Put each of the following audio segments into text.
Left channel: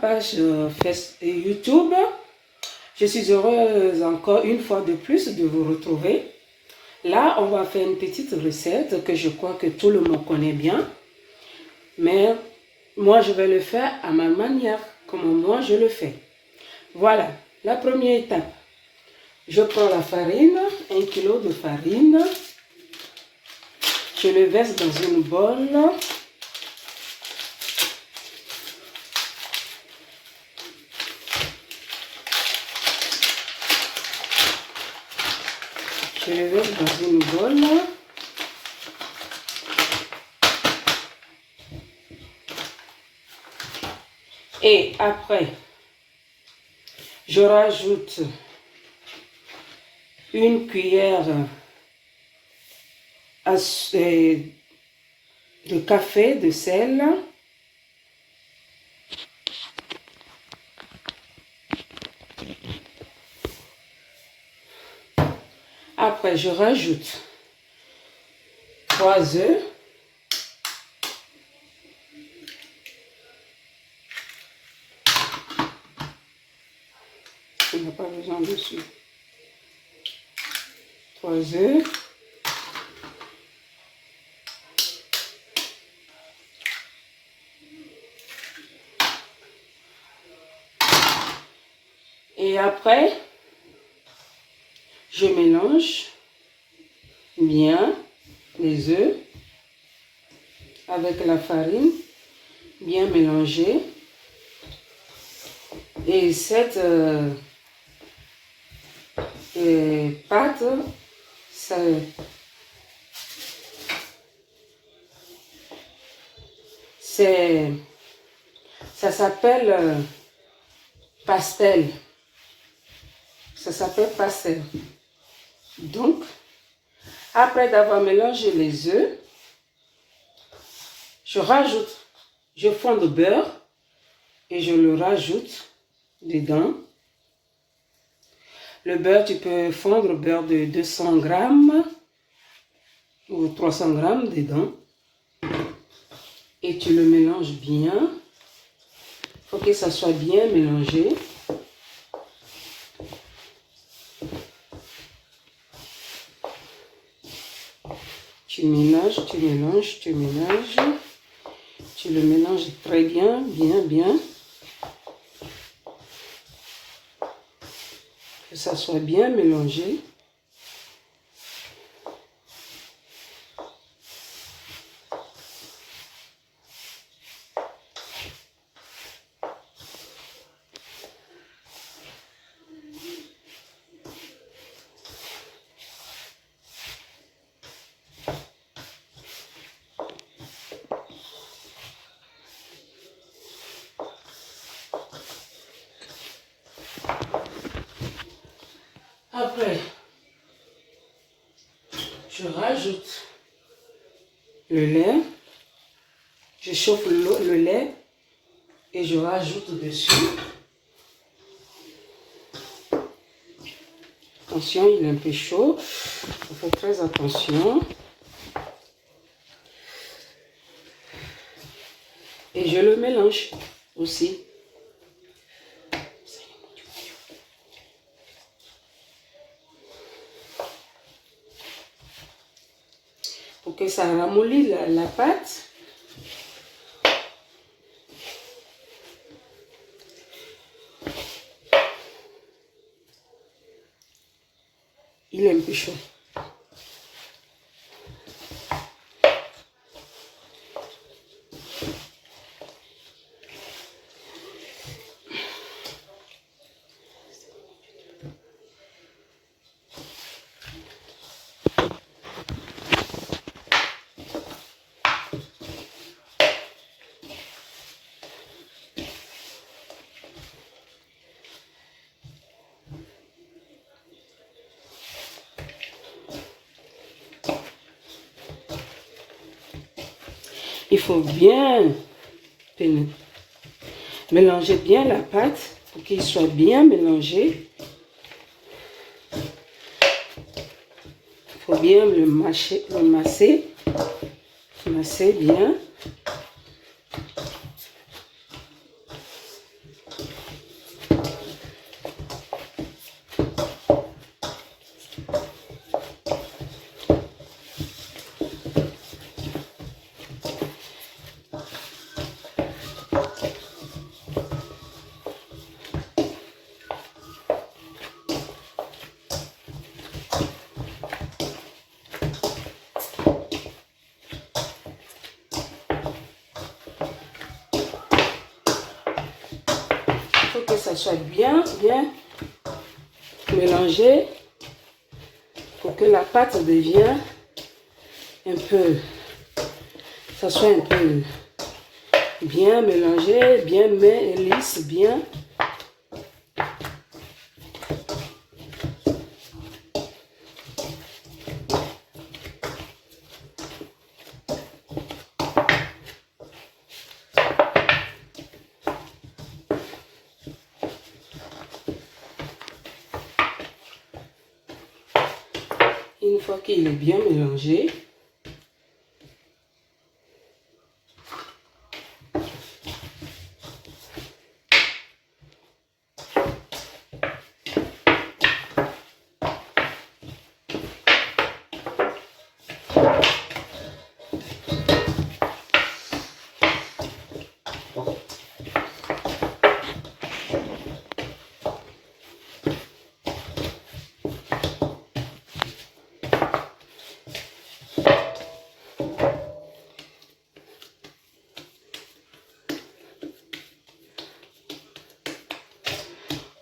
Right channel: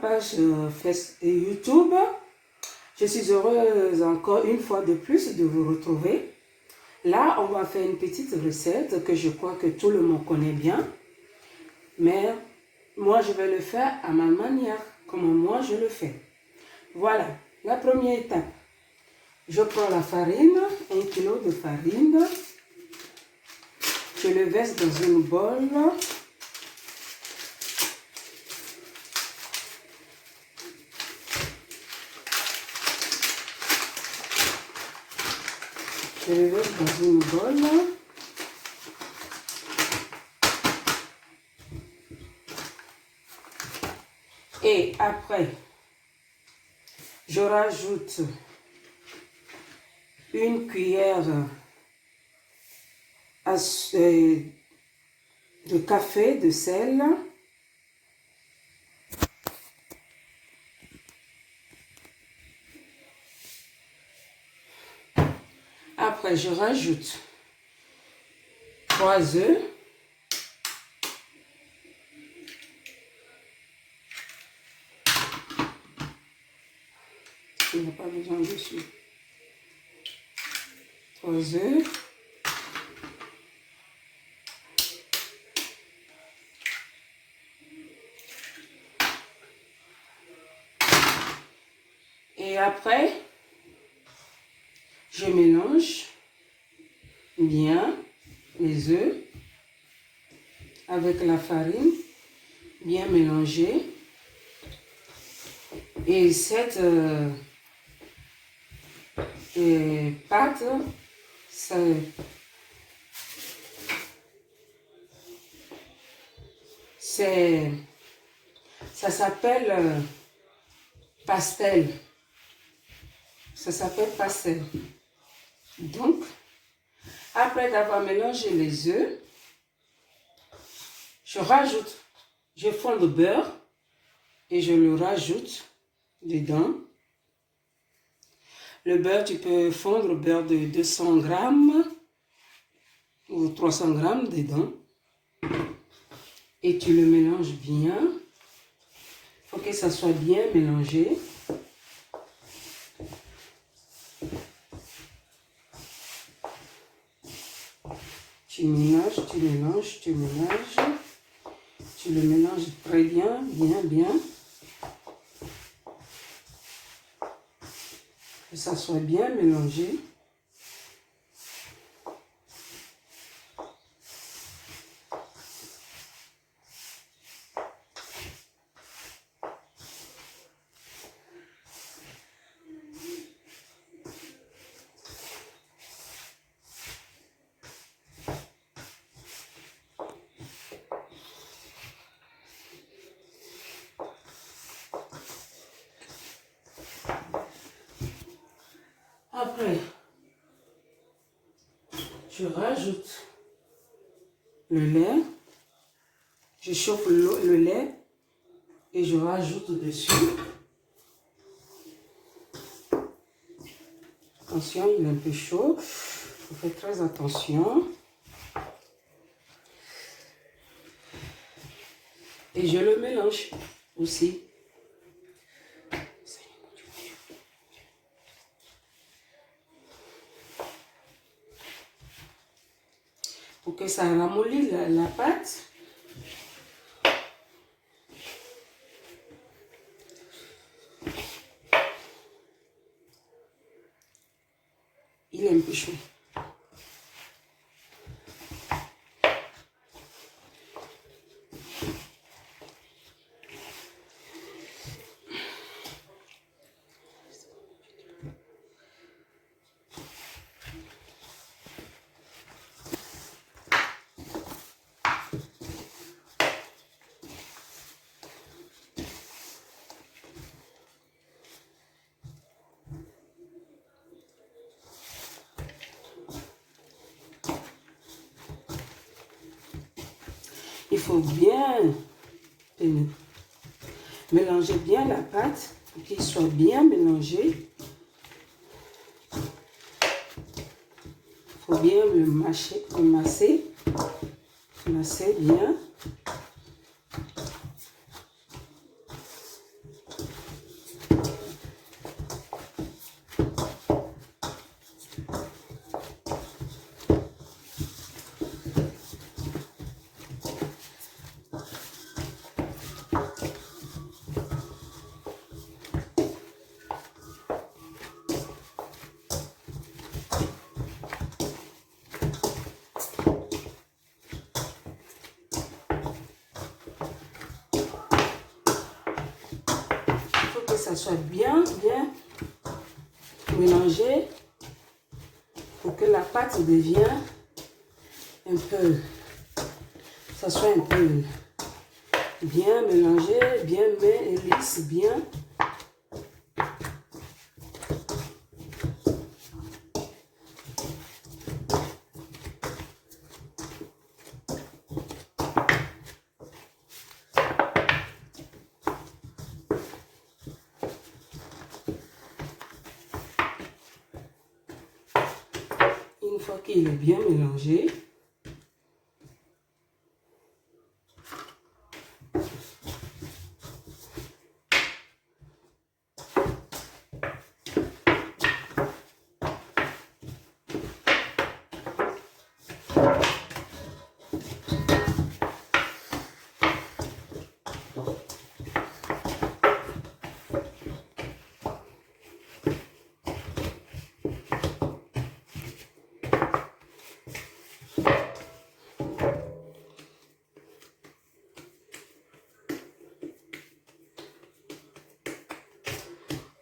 page YouTube. Je suis heureuse encore une fois de plus de vous retrouver. Là, on va faire une petite recette que je crois que tout le monde connaît bien. Mais moi, je vais le faire à ma manière, comme moi je le fais. Voilà, la première étape. Je prends la farine, 1 kg de farine. Je le verse dans une bol. Je le verse dans une bol. Et après, je rajoute une cuillère de café de sel. Après, je rajoute 3 œufs. Il n'y a pas besoin de sucre. 3 œufs. Et après, je mélange bien les œufs avec la farine, bien mélangée. Et cette pâte, ça s'appelle pastel. Ça s'appelle pastel. Donc, après d'avoir mélangé les œufs, je fonds le beurre et je le rajoute dedans. Le beurre, tu peux fondre le beurre de 200 grammes ou 300 grammes dedans. Et tu le mélanges bien. Il faut que ça soit bien mélangé. Tu mélanges, tu mélanges, tu mélanges. Tu le mélanges très bien, bien. Que ça soit bien mélangé. Après, je rajoute le lait. Je chauffe le lait et je rajoute dessus. Attention, il est un peu chaud. Il faut faire très attention. Et je le mélange aussi. Pour que ça ramollisse la pâte. Il est un peu chaud. Il faut bien mélanger bien la pâte pour qu'il soit bien mélangé. Il faut bien le masser bien. que ça soit bien mélangé pour que la pâte devienne un peu, ça soit un peu bien mélangé, bien lisse, bien. Une fois qu'il est bien mélangé,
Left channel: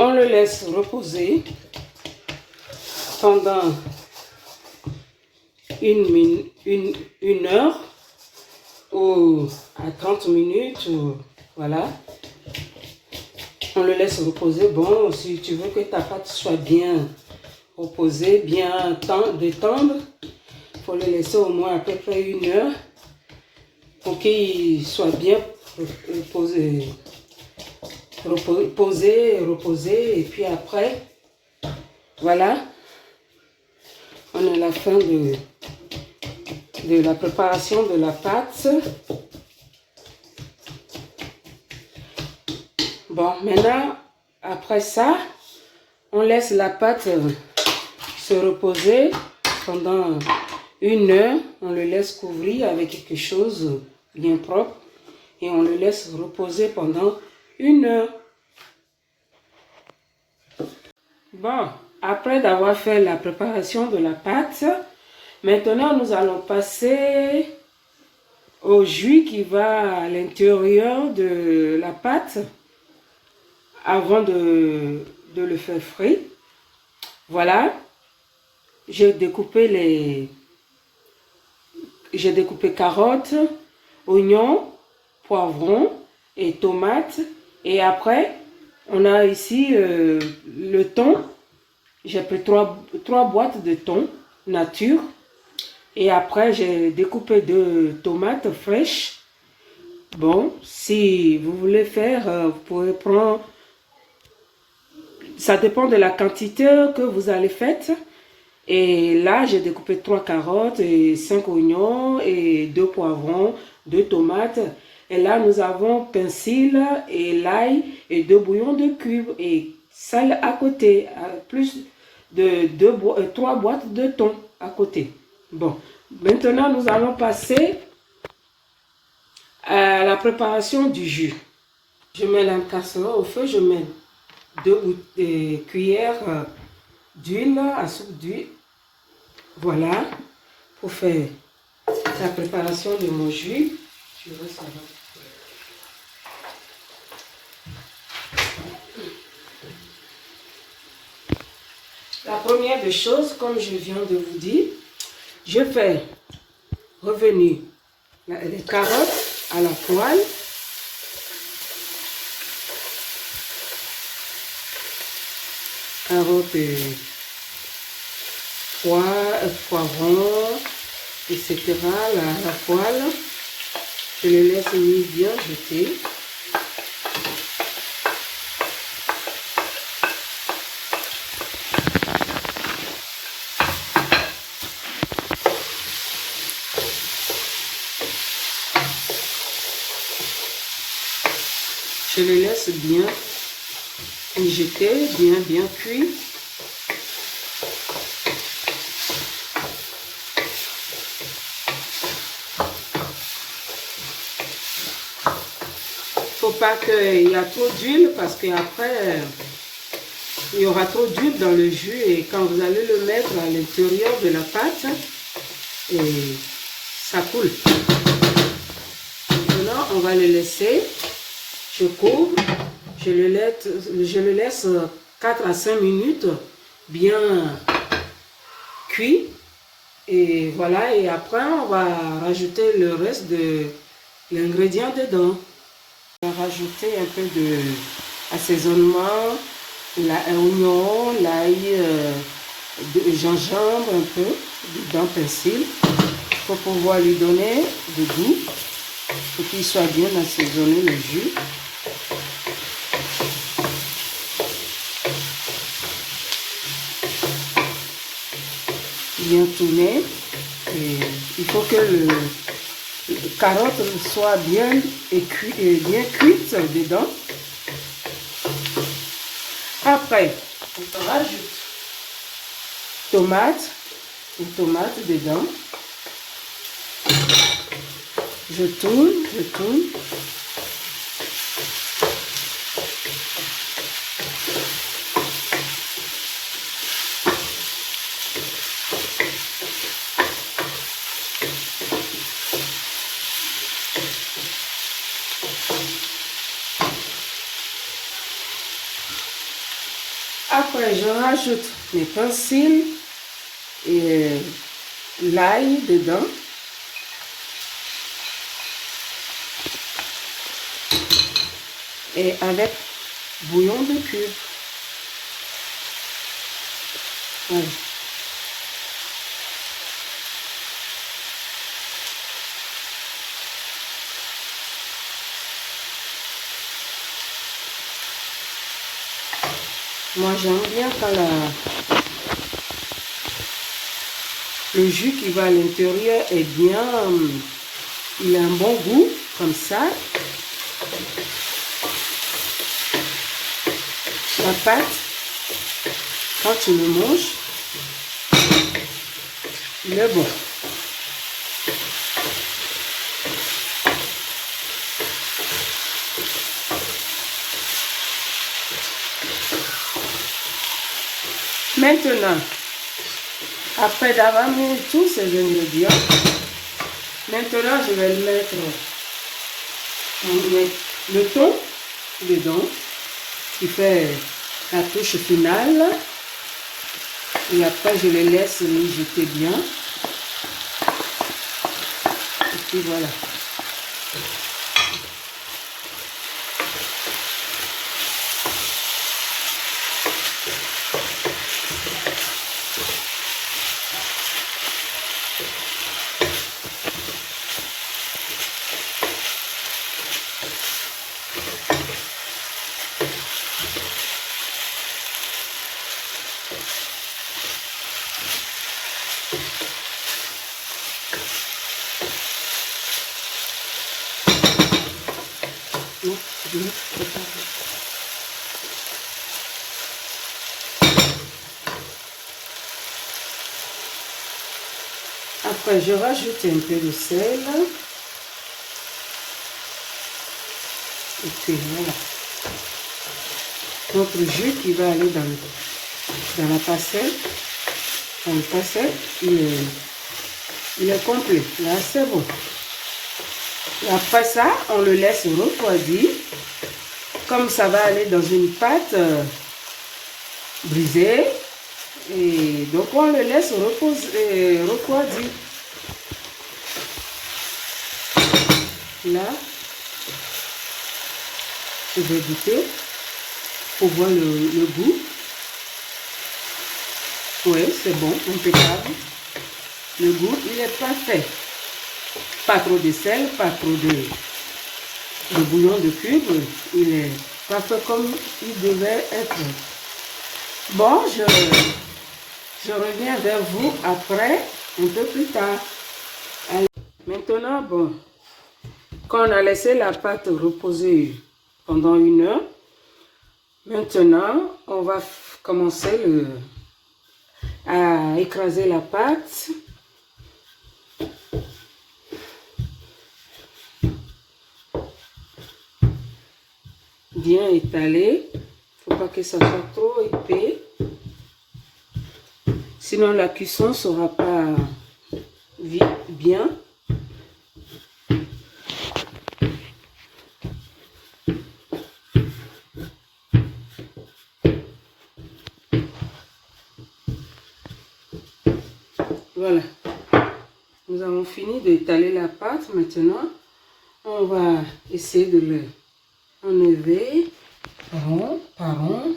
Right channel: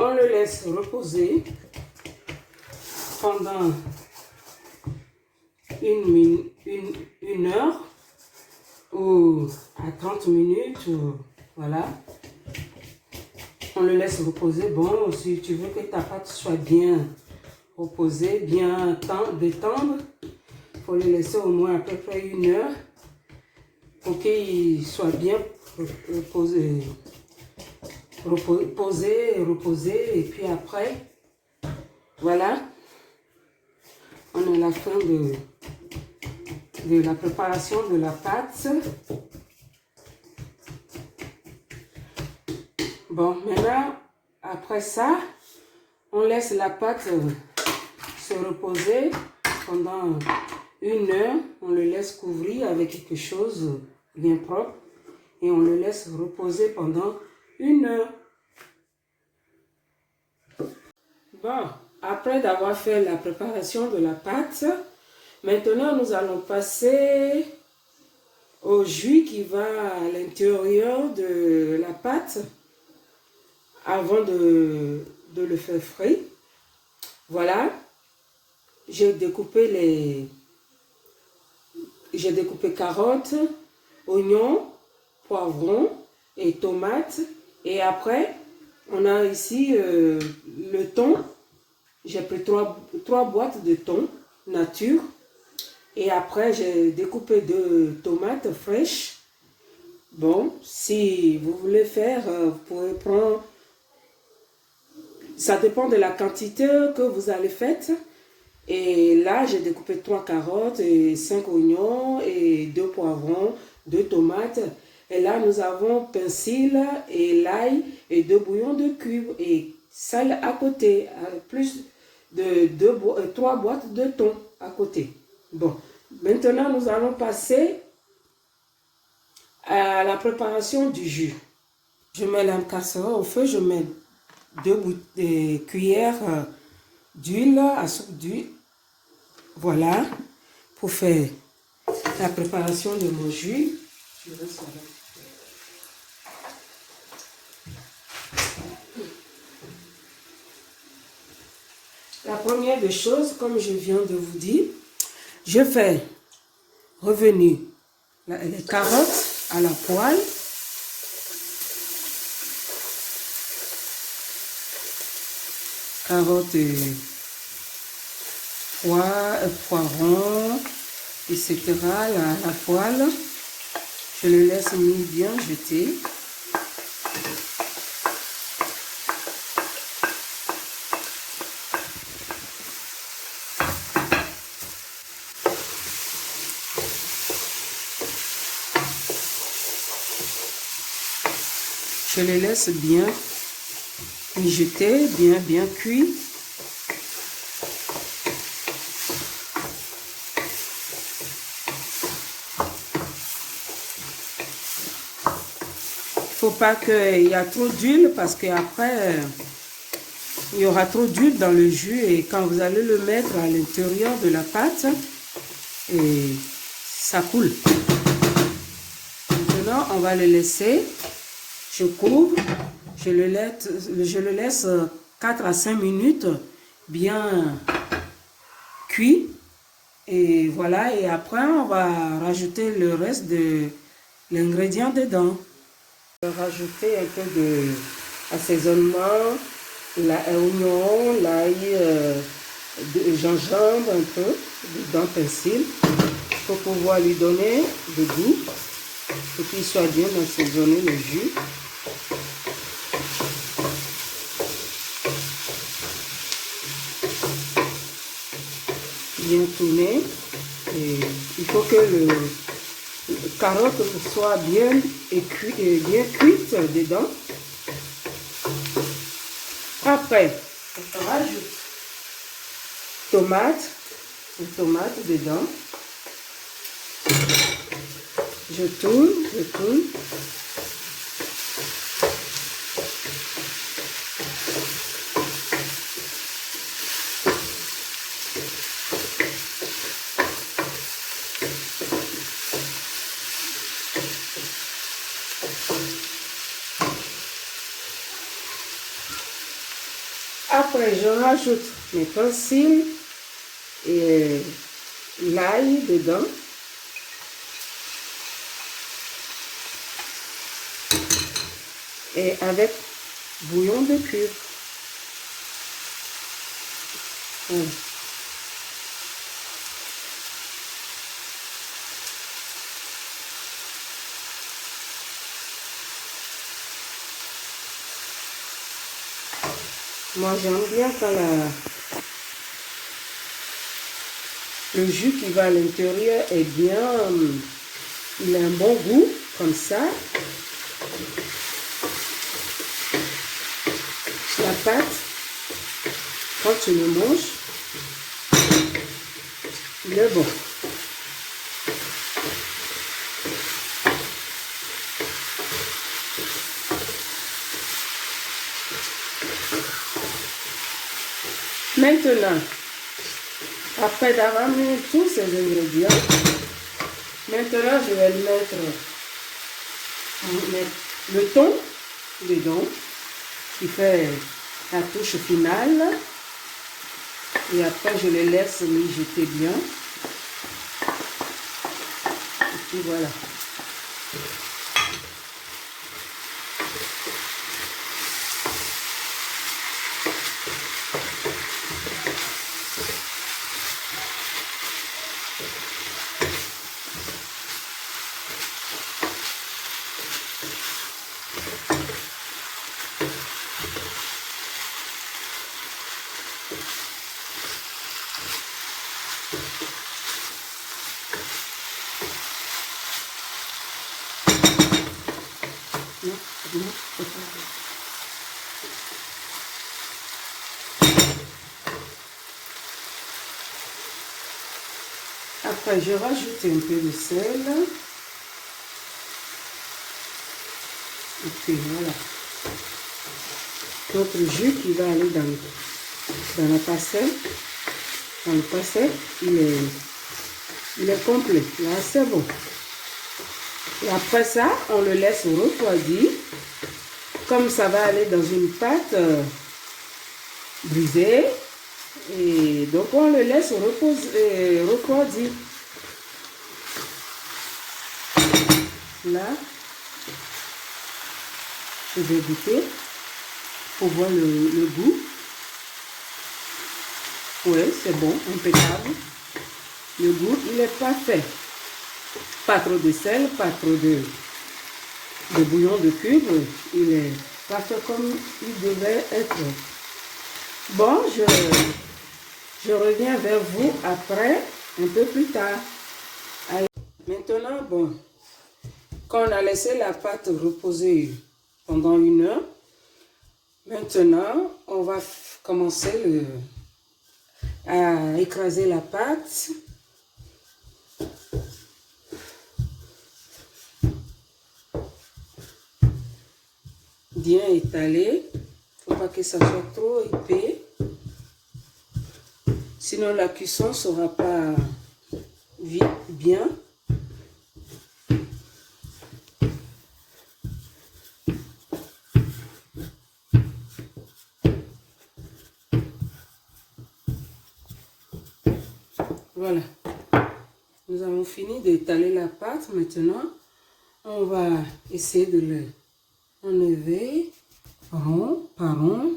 on le laisse reposer pendant une heure ou à 30 minutes. Ou, voilà. On le laisse reposer. Bon, si tu veux que ta pâte soit bien reposée, bien détendre, il faut le laisser au moins à peu près une heure pour qu'il soit bien reposé. Reposer et puis après, voilà, on est à la fin de la préparation de la pâte. Bon, maintenant, après ça, on laisse la pâte se reposer pendant une heure. On le laisse couvrir avec quelque chose bien propre et on le laisse reposer pendant une heure. Bon, après d'avoir fait la préparation de la pâte, maintenant nous allons passer au jus qui va à l'intérieur de la pâte avant de le faire frais. Voilà, j'ai découpé carottes, oignons, poivrons et tomates. Et après, on a ici le thon. J'ai pris trois boîtes de thon nature. Et après, j'ai découpé 2 tomates fraîches. Bon, si vous voulez faire, vous pouvez prendre... Ça dépend de la quantité que vous allez faire. Et là, j'ai découpé 3 carottes, et 5 oignons, et 2 poivrons, 2 tomates. Et là, nous avons persil et l'ail et 2 bouillons de cubes et sel à côté, plus de 3 boîtes de thon à côté. Bon, maintenant, nous allons passer à la préparation du jus. Je mets la casserole au feu, je mets 2 cuillères d'huile, à soupe d'huile. Voilà, pour faire la préparation de mon jus. Je vais savoir. La première des choses, comme je viens de vous dire, je fais revenir les carottes à la poêle. Carottes et poivrons, etc. La poêle. Je les laisse bien jeter. Je les laisse bien mijoter, bien cuire. Faut pas qu'il y a trop d'huile parce qu'après il y aura trop d'huile dans le jus et quand vous allez le mettre à l'intérieur de la pâte, et ça coule. Maintenant, on va le laisser. Je couvre je le laisse 4 à 5 minutes bien cuit. Et voilà, et après on va rajouter le reste de l'ingrédient dedans. On va rajouter un peu de assaisonnement, l'oignon, l'ail, de gingembre un peu, dedans persil, pour pouvoir lui donner du goût, pour qu'il soit bien assaisonné le jus. Bien tourner. Et il faut que le carotte soit bien cuite dedans. Après, on rajoute tomate dedans. Je tourne. Après, je rajoute mes persils et l'ail dedans. Et avec bouillon de cube. Voilà. Moi, j'aime bien quand le jus qui va à l'intérieur est bien, il a un bon goût, comme ça. La pâte, quand tu le manges, il est bon. Maintenant, après d'avoir mis tous ces ingrédients, maintenant je vais mettre le thon dedans, qui fait la touche finale. Et après je le laisse mijoter bien. Et puis voilà. Après, je rajoute un peu de sel. Et puis voilà. Notre jus qui va aller dans la pastel. Dans le pastel, il est complet. Là, c'est bon. Et après ça, on le laisse refroidir. Comme ça va aller dans une pâte brisée. Et donc, on le laisse refroidir. Là, je vais goûter pour voir le goût. Oui, c'est bon, impeccable. Le goût, il est parfait. Pas trop de sel, pas trop de bouillon de cube. Il est parfait comme il devait être. Bon, je reviens vers vous après, un peu plus tard. Allez. Maintenant, bon, quand on a laissé la pâte reposer pendant 1 heure, maintenant, on va commencer à écraser la pâte. Bien étalé. Il ne faut pas que ça soit trop épais. Sinon, la cuisson ne sera pas bien. Voilà. Nous avons fini d'étaler la pâte. Maintenant, on va essayer de le enlever rond par rond.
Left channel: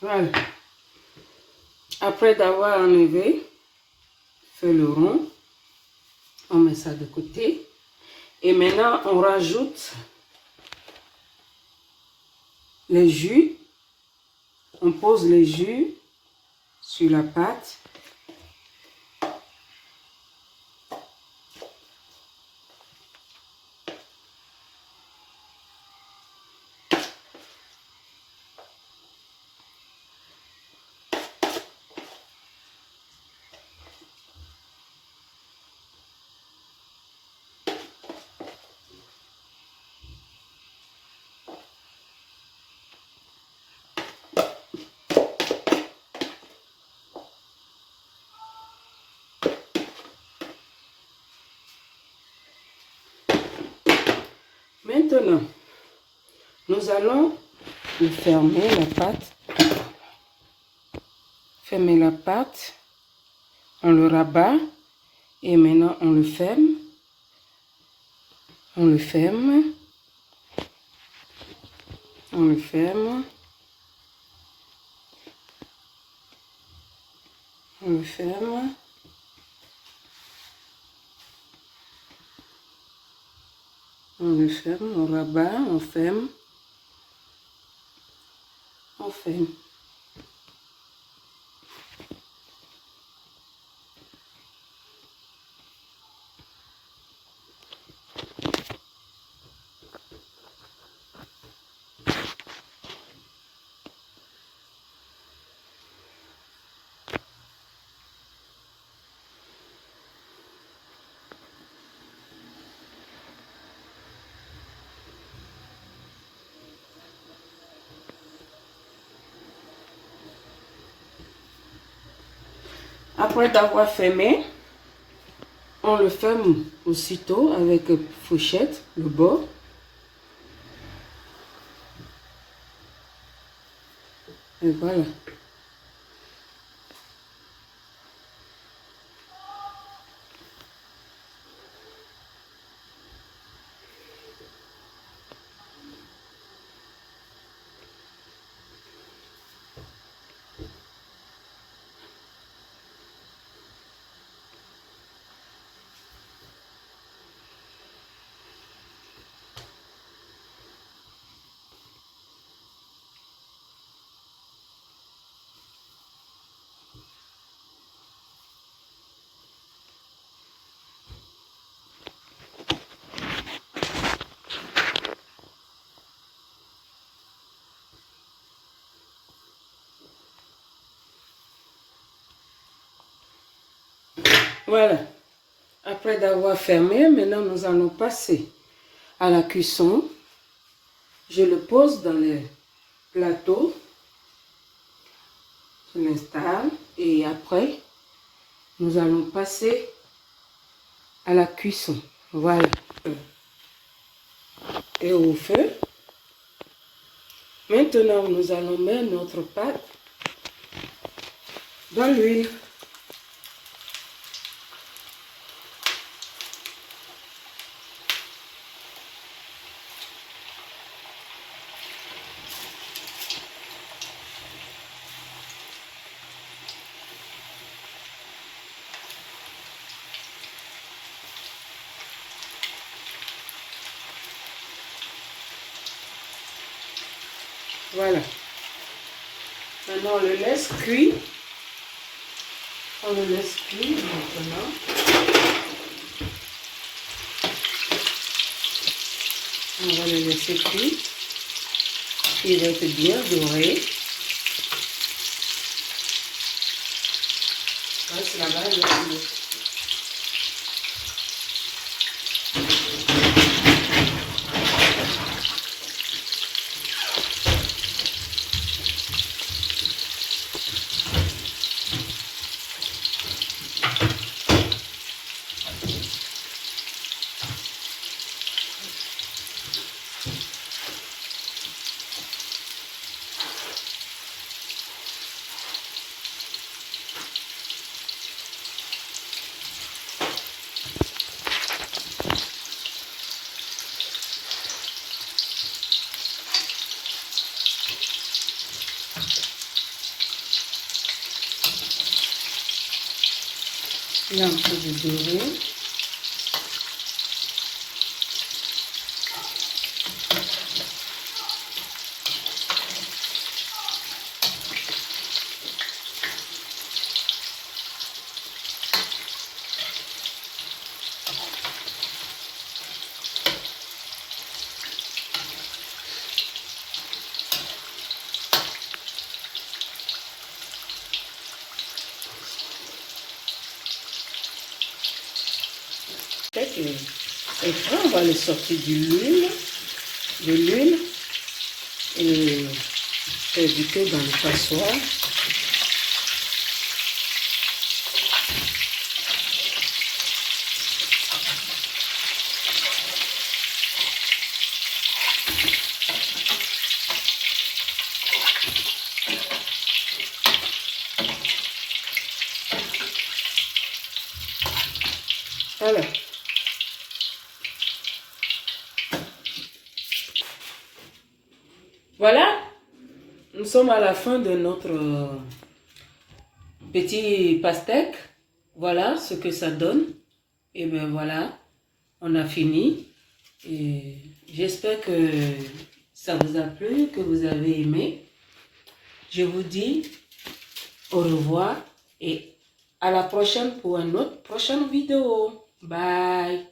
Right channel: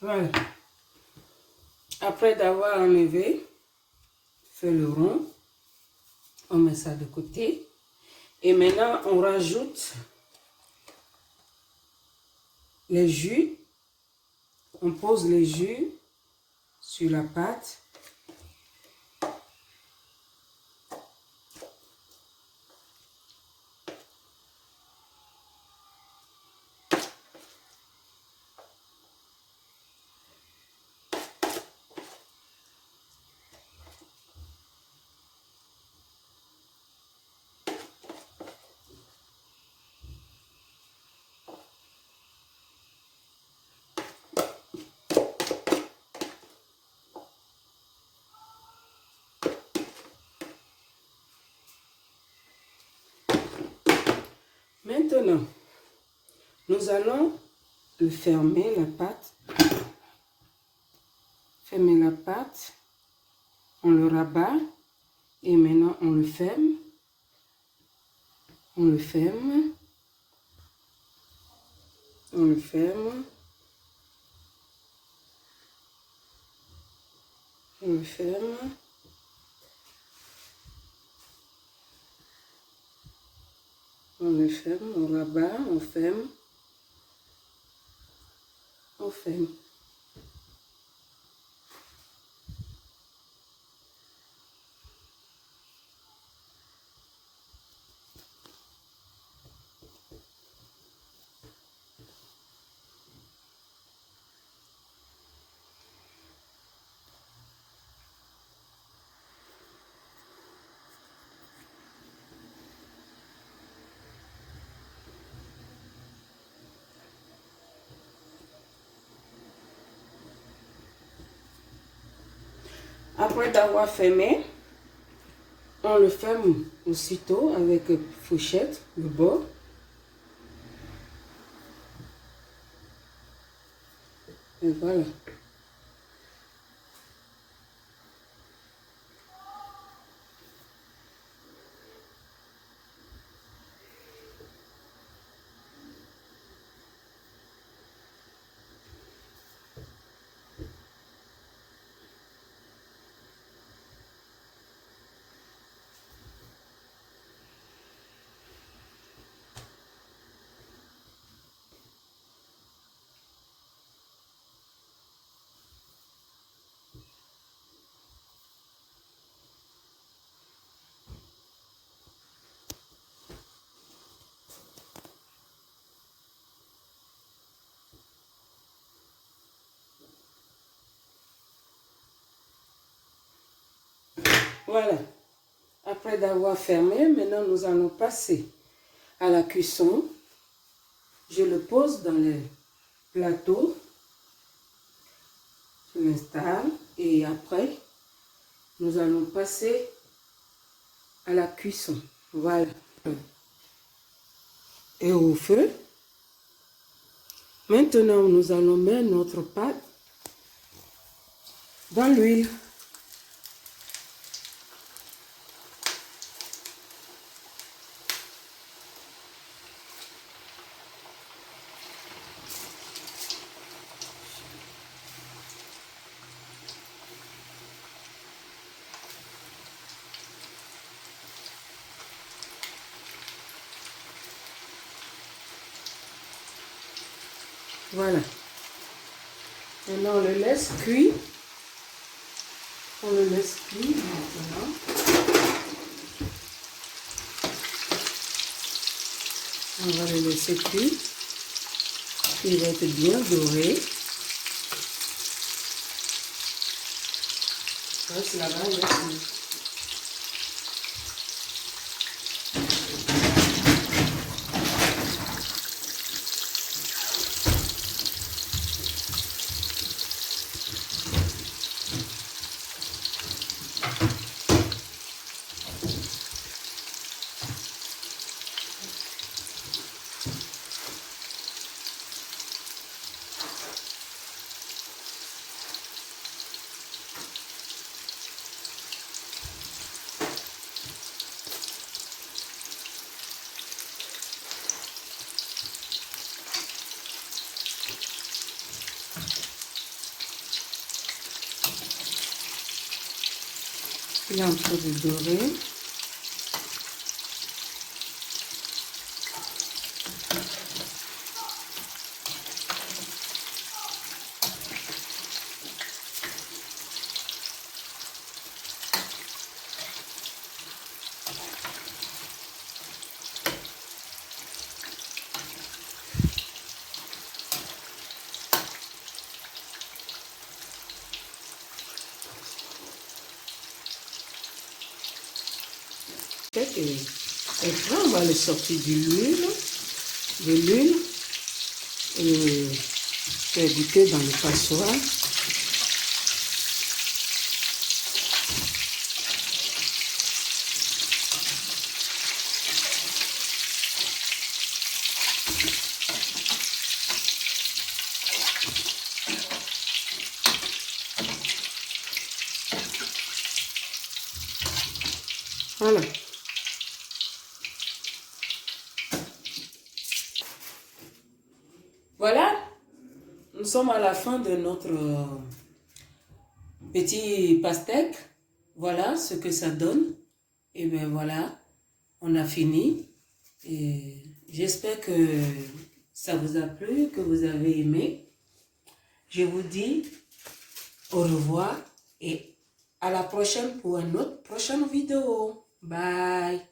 Voilà. Après d'avoir enlevé, fait le rond, on met ça de côté. Et maintenant, on rajoute les jus. On pose les jus sur la pâte. Maintenant, nous allons fermer la pâte. Fermer la pâte. On le rabat. Et maintenant, on le ferme. On le ferme. On le ferme. On le ferme. On le ferme, on rabat, on ferme. On ferme. Après d'avoir fermé, on le ferme aussitôt avec fourchette, le bord. Et voilà. Voilà. Après d'avoir fermé, maintenant nous allons passer à la cuisson. Je le pose dans le plateau. Je l'installe et après, nous allons passer à la cuisson. Voilà. Et au feu. Maintenant, nous allons mettre notre pâte dans l'huile. Voilà. Maintenant, on le laisse cuire. On le laisse cuire maintenant. On va le laisser cuire. Il va être bien doré. Voilà, c'est la base de Il est en train de dorer. Et après, on va le sortir de l'huile et faire du thé dans le passoire. Voilà. Voilà, nous sommes à la fin de notre petit pastèque. Voilà ce que ça donne. Et bien voilà, on a fini. Et j'espère que ça vous a plu, que vous avez aimé. Je vous dis au revoir et à la prochaine pour une autre prochaine vidéo. Bye.